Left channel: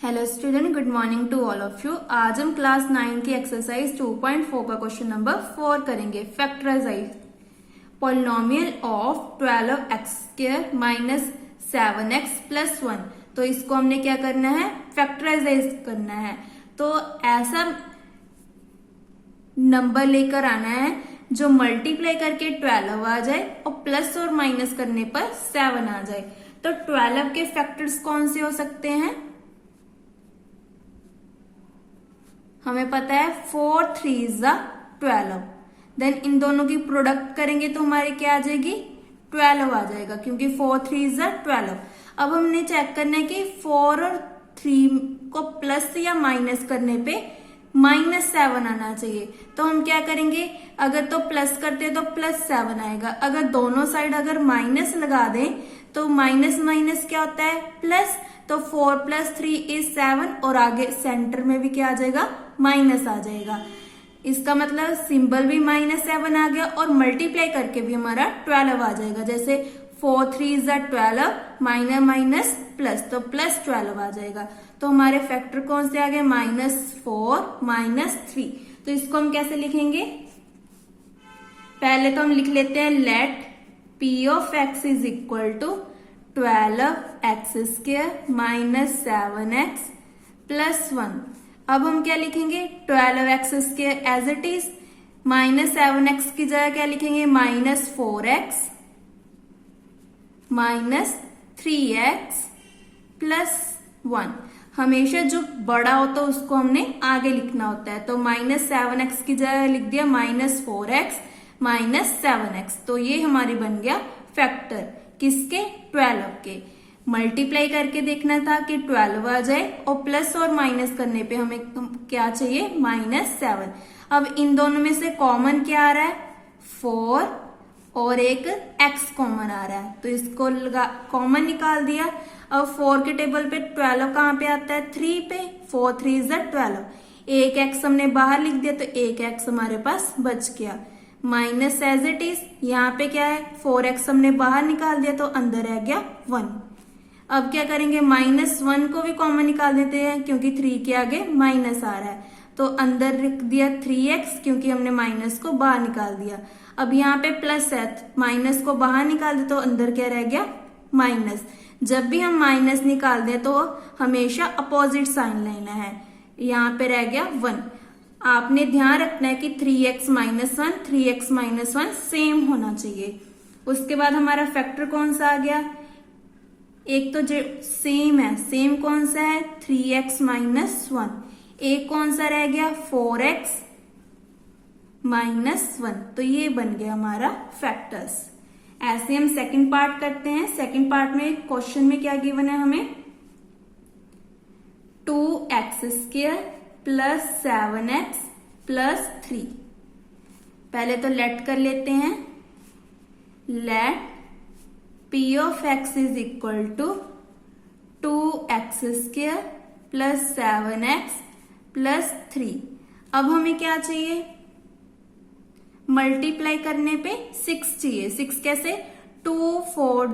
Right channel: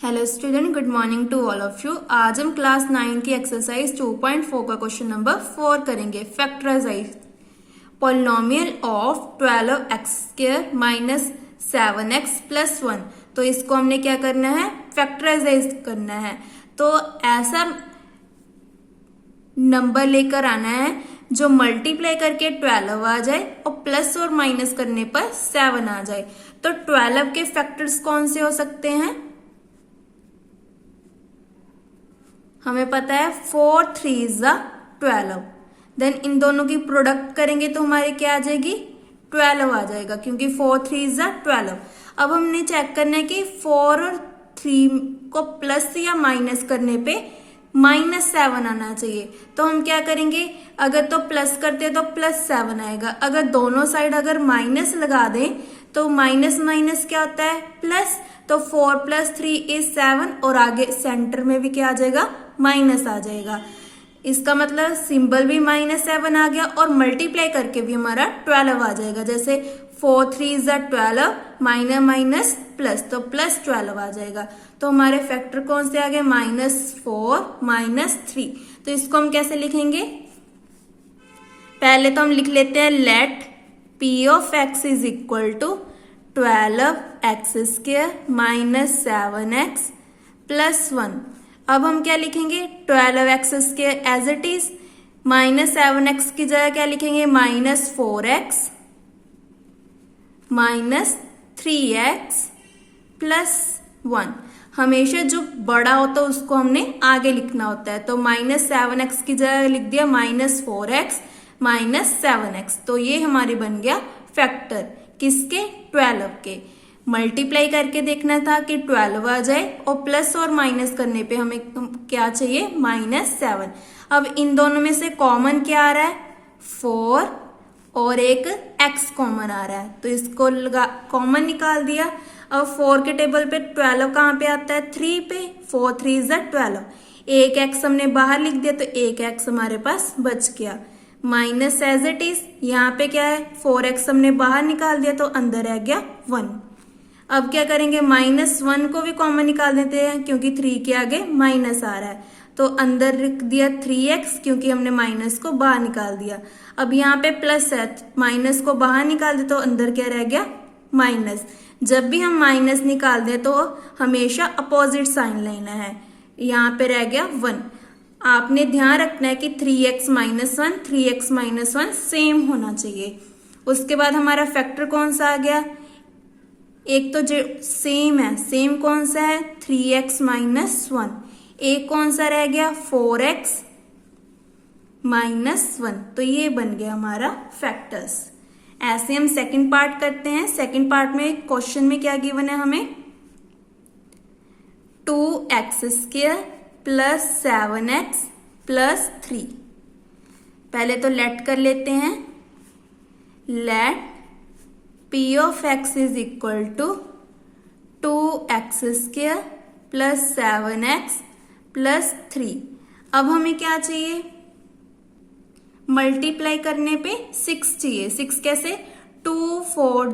Hello student, good morning to all of you. आज हम class 9 की एक्सरसाइज 2.4 का क्वेश्चन नंबर 4 करेंगे। Factorize polynomial of 12x² minus 7x plus 1। तो इसको हमने क्या करना है, फैक्टराइज करना है। तो ऐसा नंबर लेकर आना है जो मल्टीप्लाई करके 12 आ जाए और प्लस और माइनस करने पर 7 आ जाए। तो 12 के फैक्टर्स कौन से हो सकते हैं? हमें पता है 4 3 12। देन इन दोनों की प्रोडक्ट करेंगे तो हमारे क्या आ जाएगी, 12 आ जाएगा, क्योंकि 4 3 12। अब हमने चेक करना है कि 4 और 3 को प्लस या माइनस करने पे -7 आना चाहिए। तो हम क्या करेंगे, अगर तो प्लस करते हैं तो +7 आएगा। अगर दोनों साइड अगर माइनस लगा दें तो माइनस माइनस क्या होता है, प्लस। तो 4 + 3 = 7 और आगे सेंटर में भी क्या आ जाएगा, माइनस आ जाएगा। इसका मतलब सिंबल भी -7 आ गया और मल्टीप्लाई करके भी हमारा 12 आ जाएगा। जैसे 4 3 12 माइनस माइनस प्लस, तो +12 आ जाएगा। तो हमारे फैक्टर कौन से आ गए, -4 -3। तो इसको हम कैसे लिखेंगे, पहले तो हम लिख लेते हैं let P of x is equal to 12x² minus 7x plus 1। अब हम क्या लिखेंगे, 12x² as it is, -7x की जगह क्या लिखेंगे, -4x माइनस 3x प्लस 1। हमेशा जो बड़ा होता है उसको हमने आगे लिखना होता है। तो -7x की जगह लिख दिया -4x माइनस 7x। तो ये हमारी बन गया फैक्टर, किसके, 12 के। मल्टीप्लाई करके देखना था कि 12 आ जाए और प्लस और माइनस करने पे हमें क्या चाहिए, -7। अब इन दोनों में से कॉमन क्या आ रहा है, 4 और एक x कॉमन आ रहा है। तो इसको कॉमन निकाल दिया। अब 4 के टेबल पे 12 कहाँ पे आता है, 3 पे। 4 3 12। एक x हमने बाहर लिख दिया तो एक x हमारे पास बच गया। माइनस एज इट इज, यहाँ पे क्या है, 4x हमने बाहर निकाल दिया तो अंदर रह गया 1। अब क्या करेंगे, -1 को भी कॉमन निकाल देते हैं क्योंकि 3 के आगे माइनस आ रहा है। तो अंदर लिख दिया 3x क्योंकि हमने माइनस को बाहर निकाल दिया। अब यहाँ पे प्लस है, माइनस को बाहर निकाल दे तो अंदर क्या रह गया, माइनस। जब भी हम माइनस निकाल दे तो हमेशा अपोजिट साइन लेना है। यहाँ पे रह गया 1। आपने ध्यान रखना है कि 3x - 1 3x - 1 सेम होना चाहिए। उसके बाद हमारा फैक्टर कौन सा आ गया, एक तो जो सेम है, सेम कौन सा है, 3x - 1। एक कौन सा रह गया, 4x - 1। तो ये बन गया हमारा फैक्टर्स। ऐसे हम सेकंड पार्ट करते हैं। सेकंड पार्ट में क्वेश्चन में क्या गिवन है हमें, 2x² प्लस 7x प्लस 3। पहले तो लेट कर लेते हैं, let P of x is equal to 2x² plus 7x plus 3। अब हमें क्या चाहिए, मल्टीप्लाई करने पे 6 चाहिए। 6 कैसे, 2 4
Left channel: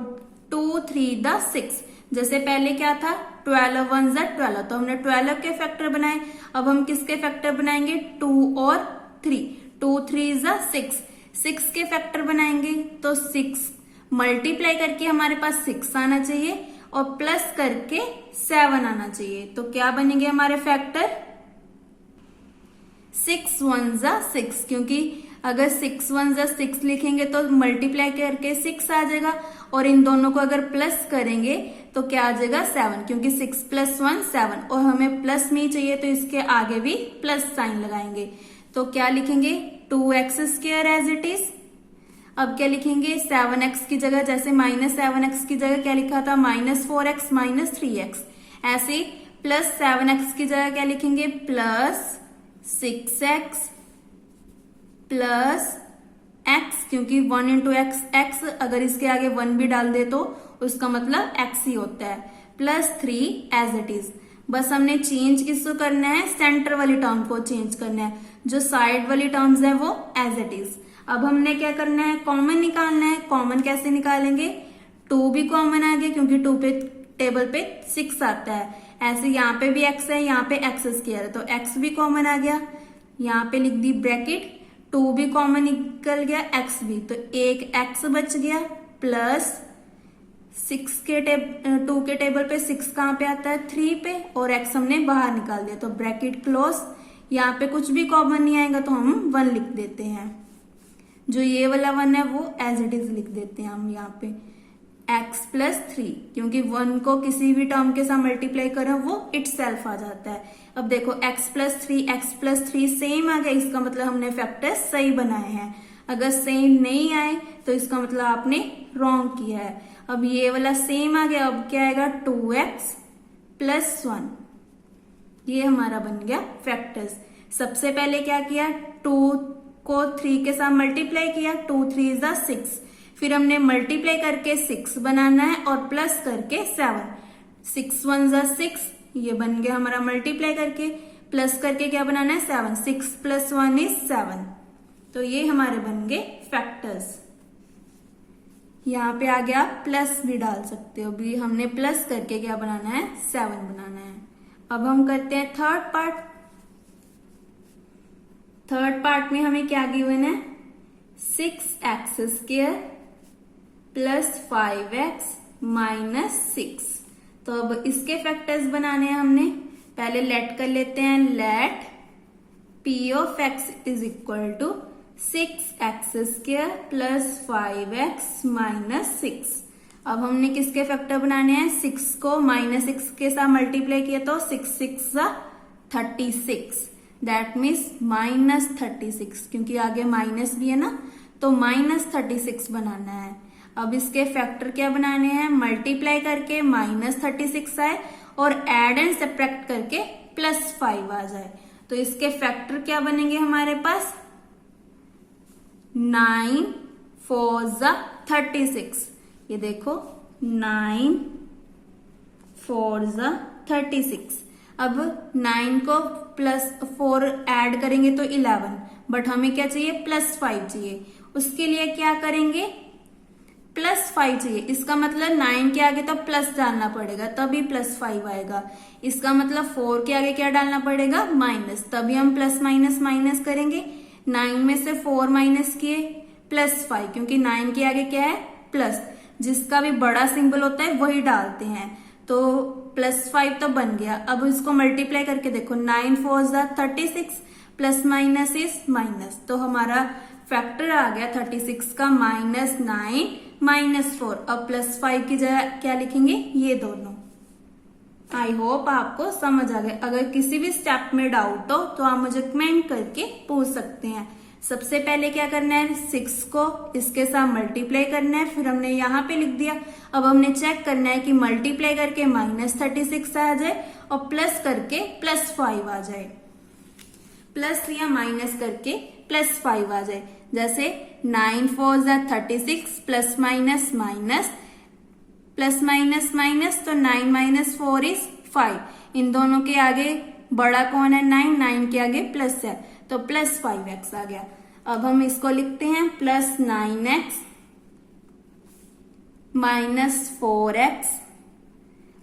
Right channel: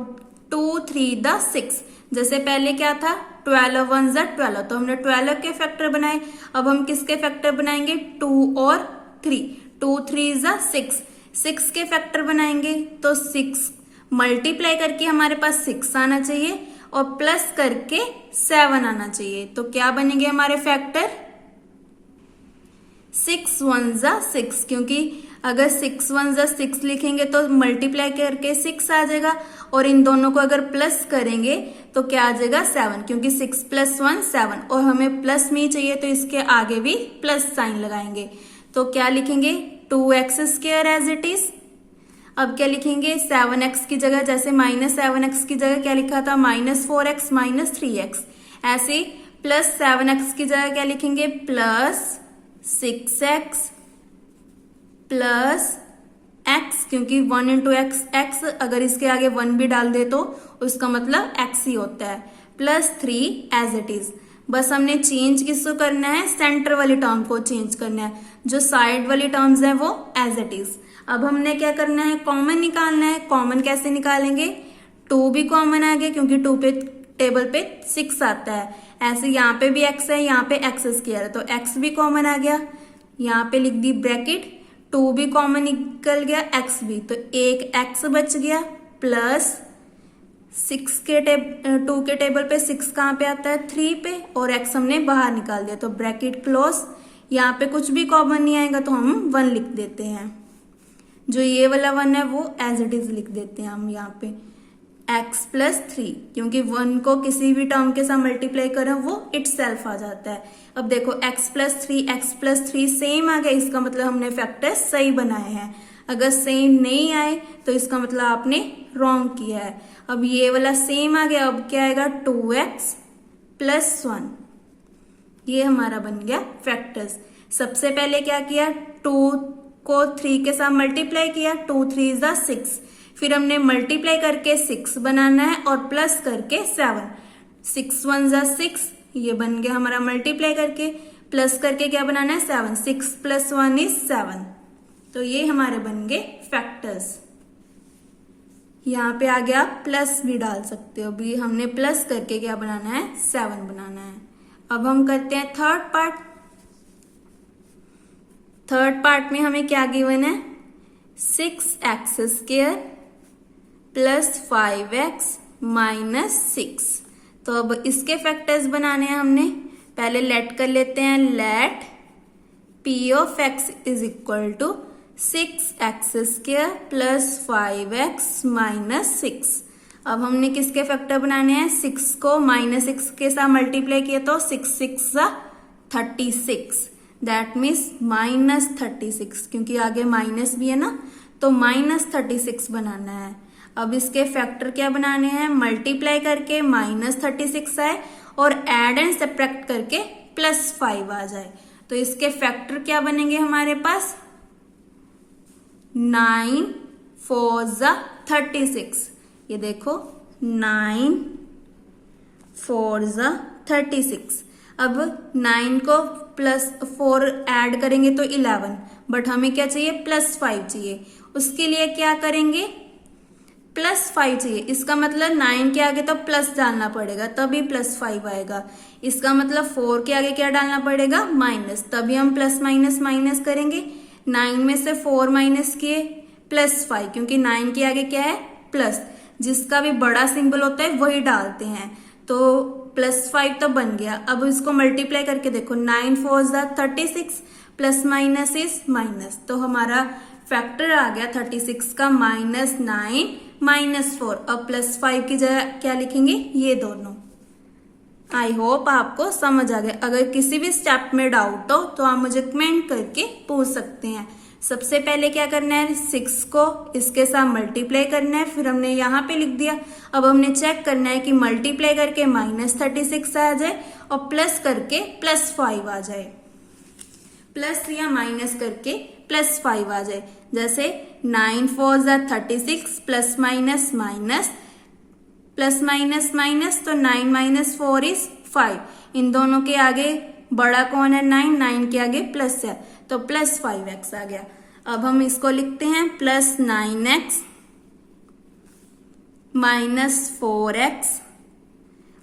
2 3 6। जैसे पहले क्या था, 12 1 12, तो हमने 12 के फैक्टर बनाए। अब हम किसके फैक्टर बनाएंगे, 2 और 3। 2 3 6, 6 के फैक्टर बनाएंगे। तो 6 मल्टीप्लाई करके हमारे पास 6 आना चाहिए और प्लस करके 7 आना चाहिए। तो क्या बनेंगे हमारे फैक्टर, 6 1 6, क्योंकि अगर 6 1 6 लिखेंगे तो मल्टीप्लाई करके 6 आ जाएगा और इन दोनों को अगर प्लस करेंगे तो क्या आ जाएगा, 7, क्योंकि 6 + 1 7 और हमें प्लस में ही चाहिए तो इसके आगे भी प्लस साइन लगाएंगे। तो क्या लिखेंगे, 2x² एज इट इज। अब क्या लिखेंगे, 7x की जगह, जैसे -7x की जगह क्या लिखा था, -4x माइनस 3x। ऐसे +7x की जगह क्या लिखेंगे, +6x प्लस x, क्योंकि 1 × x, अगर इसके आगे 1 भी डाल दे तो उसका मतलब x ही होता है, प्लस 3 एज इट इज। बस हमने चेंज किसको करना है, सेंटर वाली टर्म को चेंज करना है। जो साइड वाली टर्म्स है वो एज इट इज। अब हमने क्या करना है, कॉमन निकालना है। कॉमन कैसे निकालेंगे, 2 भी कॉमन आ गया क्योंकि 2 पे टेबल पे 6 आता है, ऐसे यहाँ पे भी x है, यहाँ पे x स्क्वायर है, तो x भी कॉमन आ गया, यहाँ पे लिख दी ब्रैकेट, 2 भी कॉमन निकल गया, x भी, तो एक x बच गया, प्लस 2 के टेबल पे 6 कहाँ पे आता है, 3 पे, और x हमने बाहर निकाल दिया, तो ब्रैकेट क्लोज। यहाँ पे कुछ भी कॉमन नहीं आएगा तो हम 1 लिख देते हैं, जो ये वाला 1 है वो एज इट इज लिख देते हैं हम यहाँ पे x प्लस 3, क्योंकि 1 को किसी भी टर्म के साथ मल्टीप्लाई करें वो इटसेल्फ आ जाता है। अब देखो x प्लस 3 सेम आ गया, इसका मतलब हमने फैक्टर्स सही बनाए हैं। अगर सेम नहीं आए तो इसका मतलब आपने रॉन्ग किया है। अब ये वाला सेम आ गया, अब क्या आएगा 2x प्लस 1, ये हमारा बन गया फैक्टर्स। सबसे पहले क्या किया, 2 को 3 के साथ मल्टीप्लाई किया, 2 3 इज 6, फिर हमने मल्टीप्लाई करके 6 बनाना है और प्लस करके 7, 6 1 जा 6, ये बन गया हमारा मल्टीप्लाई करके, प्लस करके क्या बनाना है 7, 6 प्लस 1 इज 7, तो ये हमारे बन गए फैक्टर्स। यहाँ पे आगे आप प्लस भी डाल सकते हो, अभी हमने प्लस करके क्या बनाना है 7 बनाना है। अब हम करते हैं थर्ड पार्ट। थर्ड पार्ट में हमें क्या गिवन है, 6x square plus 5x minus 6। तो अब इसके फैक्टर्स बनाने हैं हमने, पहले लेट कर लेते हैं, let p of x is equal to 6x square plus 5x minus 6। अब हमने किसके फैक्टर बनाने हैं, 6 को माइनस 6 के साथ मल्टीप्लाई किया तो 6 6 36, दैट मीन्स माइनस 36, क्योंकि आगे माइनस भी है ना, तो माइनस 36 बनाना है। अब इसके फैक्टर क्या बनाने हैं, मल्टीप्लाई करके माइनस 36 आए और एड एंड सब्ट्रैक्ट करके प्लस 5 आ जाए, तो इसके फैक्टर क्या बनेंगे हमारे पास, 9 4 36, ये देखो 9 4 36। अब 9 को प्लस 4 ऐड करेंगे तो 11, बट हमें क्या चाहिए प्लस 5 चाहिए, उसके लिए क्या करेंगे प्लस 5 चाहिए, इसका मतलब 9 के आगे तो प्लस डालना पड़ेगा तभी प्लस 5 आएगा, इसका मतलब 4 के आगे क्या डालना पड़ेगा माइनस, तभी हम प्लस माइनस माइनस करेंगे। 9 में से 4 माइनस किए प्लस 5, क्योंकि 9 के आगे क्या है प्लस, जिसका भी बड़ा सिंबल होता है वही डालते हैं, तो प्लस 5 तो बन गया। अब इसको मल्टीप्लाई करके देखो, 9 4 36 प्लस माइनस इज माइनस, तो हमारा फैक्टर आ गया 36 का -9 -4। अब प्लस 5 की जगह क्या लिखेंगे, ये दोनों। आई होप आपको समझ आ गया। अगर किसी भी स्टेप में डाउट हो तो आप मुझे कमेंट करके पूछ सकते हैं। सबसे पहले क्या करना है, 6 को इसके साथ मल्टीप्लाई करना है, फिर हमने यहाँ पे लिख दिया। अब हमने चेक करना है कि मल्टीप्लाई करके -36 आ जाए और प्लस करके +5 आ जाए, प्लस या माइनस करके +5 आ जाए। जैसे 9 4 36 plus minus minus plus minus minus, तो 9 - 4 इज 5। इन दोनों के आगे बड़ा कौन है, 9 के आगे प्लस है, तो प्लस 5x आ गया। अब हम इसको लिखते हैं प्लस 9x माइनस 4x,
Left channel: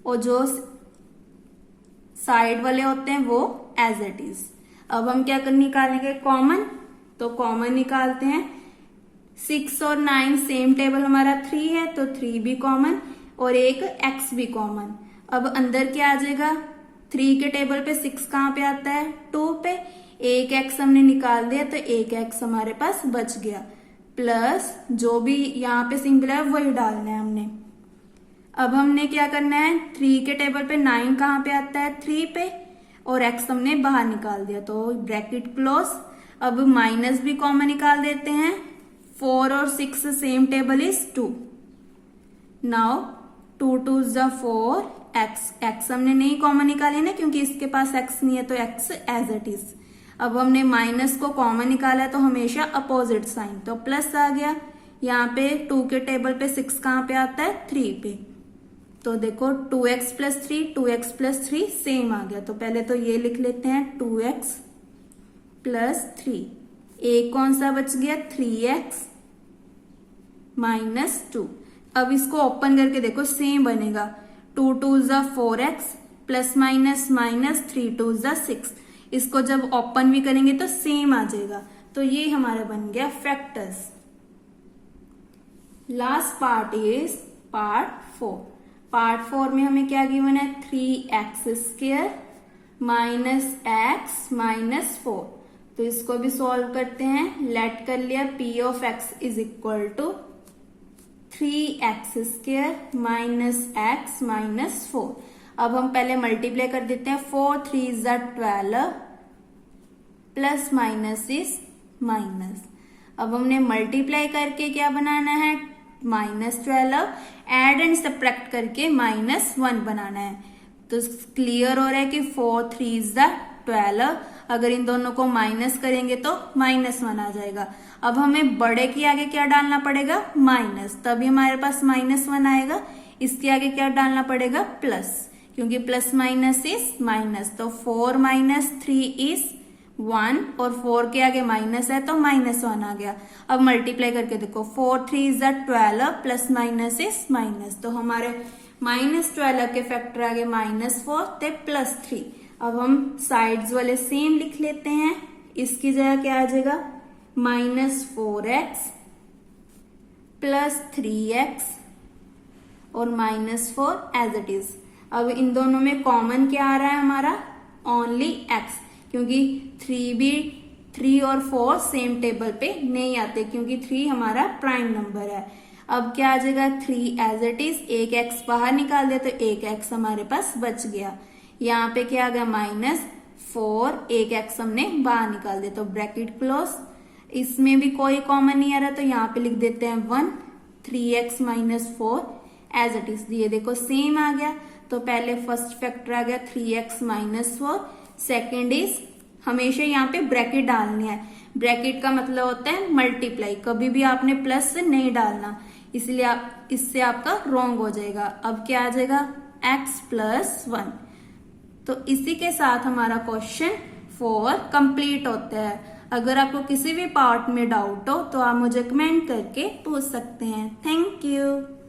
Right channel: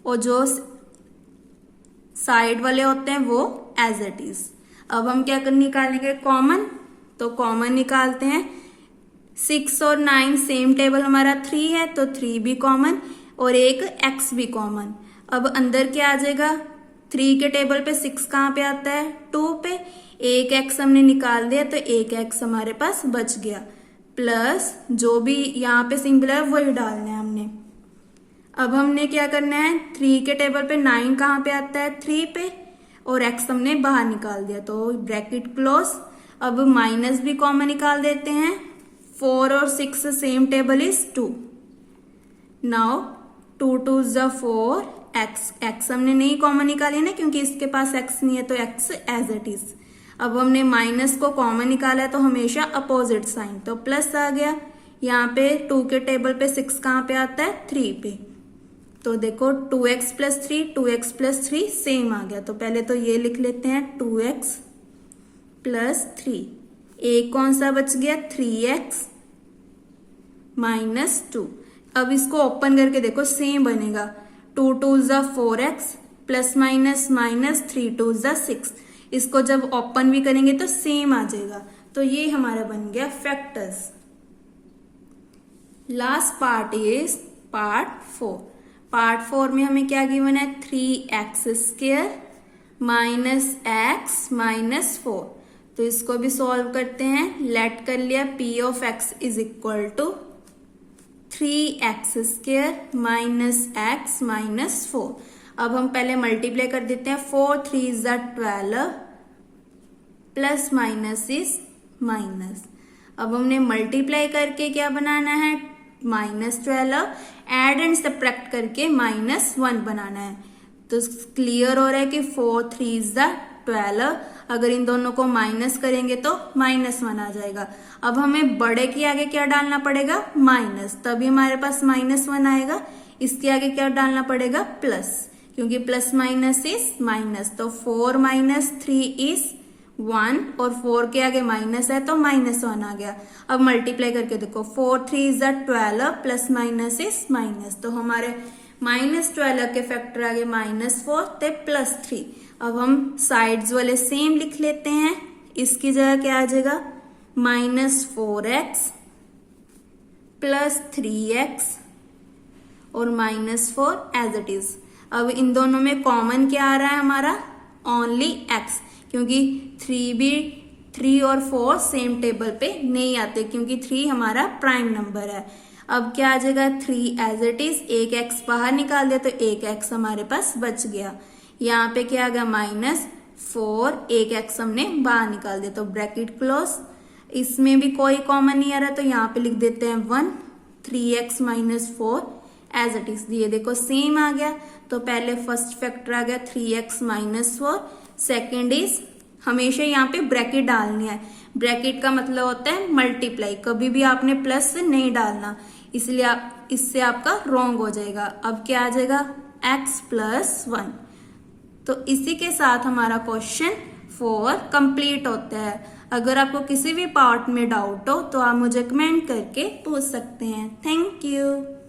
और जो साइड वाले होते हैं वो एज इट इज। अब हम क्या निकालेंगे कॉमन, तो कॉमन निकालते हैं। 6 और 9 सेम टेबल हमारा 3 है, तो 3 भी कॉमन और एक x भी कॉमन। अब अंदर क्या आ जाएगा, 3 के टेबल पे 6 कहाँ पे आता है 2 पे, एक x हमने निकाल दिया तो एक x हमारे पास बच गया, प्लस जो भी यहाँ पे सिंबल है वही डालना है हमने। अब हमने क्या करना है, 3 के टेबल पे 9 कहाँ पे आता है 3 पे, और x हमने बाहर निकाल दिया, तो ब्रैकेट क्लोज। अब माइनस भी कॉमन निकाल देते हैं, 4 और 6 same table is 2। Now 2 2 = 4, x हमने नहीं कॉमन निकाली ना, क्योंकि इसके पास x नहीं है, तो x एज इट इज। अब हमने माइनस को कॉमन निकाला है तो हमेशा अपोजिट साइन, तो प्लस आ गया। यहाँ पे 2 के टेबल पे 6 कहाँ पे आता है 3 पे, तो देखो 2x + 3 2x + 3 सेम आ गया, तो पहले तो ये लिख लेते हैं 2x + 3, एक कौन सा बच गया 3x - 2। अब इसको ओपन करके देखो सेम बनेगा, 2 2 ज़ा 4x प्लस माइनस माइनस 3 2 ज़ा 6। इसको जब ओपन भी करेंगे तो सेम आ जाएगा। तो ये हमारा बन गया factors. Last part is part 4। Part 4 में हमें क्या गिवन है, 3x² माइनस एक्स माइनस 4। तो इसको भी सॉल्व करते हैं। लेट कर लिया p of x is equal to 3x² minus x minus 4। अब हम पहले मल्टीप्लाई कर देते हैं। 4 3 ज़ा 12 प्लस माइनस इज माइनस। अब हमने मल्टीप्लाई करके क्या बनाना है, -12। एड एंड सब्ट्रैक्ट करके -1 बनाना है। तो क्लियर हो रहा है कि 4 3 ज़ा 12, अगर इन दोनों को माइनस करेंगे तो -1 आ जाएगा। अब हमें बड़े के आगे क्या डालना पड़ेगा, माइनस, तभी हमारे पास -1 आएगा। इसके आगे क्या डालना पड़ेगा, प्लस, क्योंकि प्लस माइनस इज माइनस। तो 4 माइनस 3 इज 1 और 4 के आगे माइनस है तो -1 आ गया। अब मल्टीप्लाई करके देखो, 4 3 ज़ा 12 प्लस माइनस इज माइनस। तो हमारे -12 के फैक्टर आगे -4 ते +3। अब हम साइड्स वाले सेम लिख लेते हैं। इसकी जगह क्या आ जाएगा, -4x प्लस 3x और -4 एज इट इज। अब इन दोनों में कॉमन क्या आ रहा है हमारा, ओनली x, क्योंकि 3 और 4 सेम टेबल पे नहीं आते, क्योंकि 3 हमारा प्राइम नंबर है। अब क्या आ जाएगा, 3 एज इट इज, एक x बाहर निकाल दिया तो एक x हमारे पास बच गया। यहाँ पे क्या आ गया, -4, एक x हमने बाहर निकाल दिया तो ब्रैकेट क्लोज। इसमें भी कोई कॉमन नहीं आ रहा तो यहाँ पे लिख देते हैं 1, 3x minus 4 as it is. ये देखो सेम आ गया। तो पहले फर्स्ट फैक्टर आ गया 3x माइनस 4। सेकेंड इज, हमेशा यहाँ पे ब्रैकेट डालनी है। ब्रैकेट का मतलब होता है मल्टीप्लाई, कभी भी आपने प्लस नहीं डालना, इसलिए इससे आपका रॉन्ग हो जाएगा। अब क्या आ जाएगा, x प्लस 1। तो इसी के साथ हमारा क्वेश्चन 4 कंप्लीट होता है। अगर आपको किसी भी पार्ट में डाउट हो तो आप मुझे कमेंट करके पूछ सकते हैं। Thank you.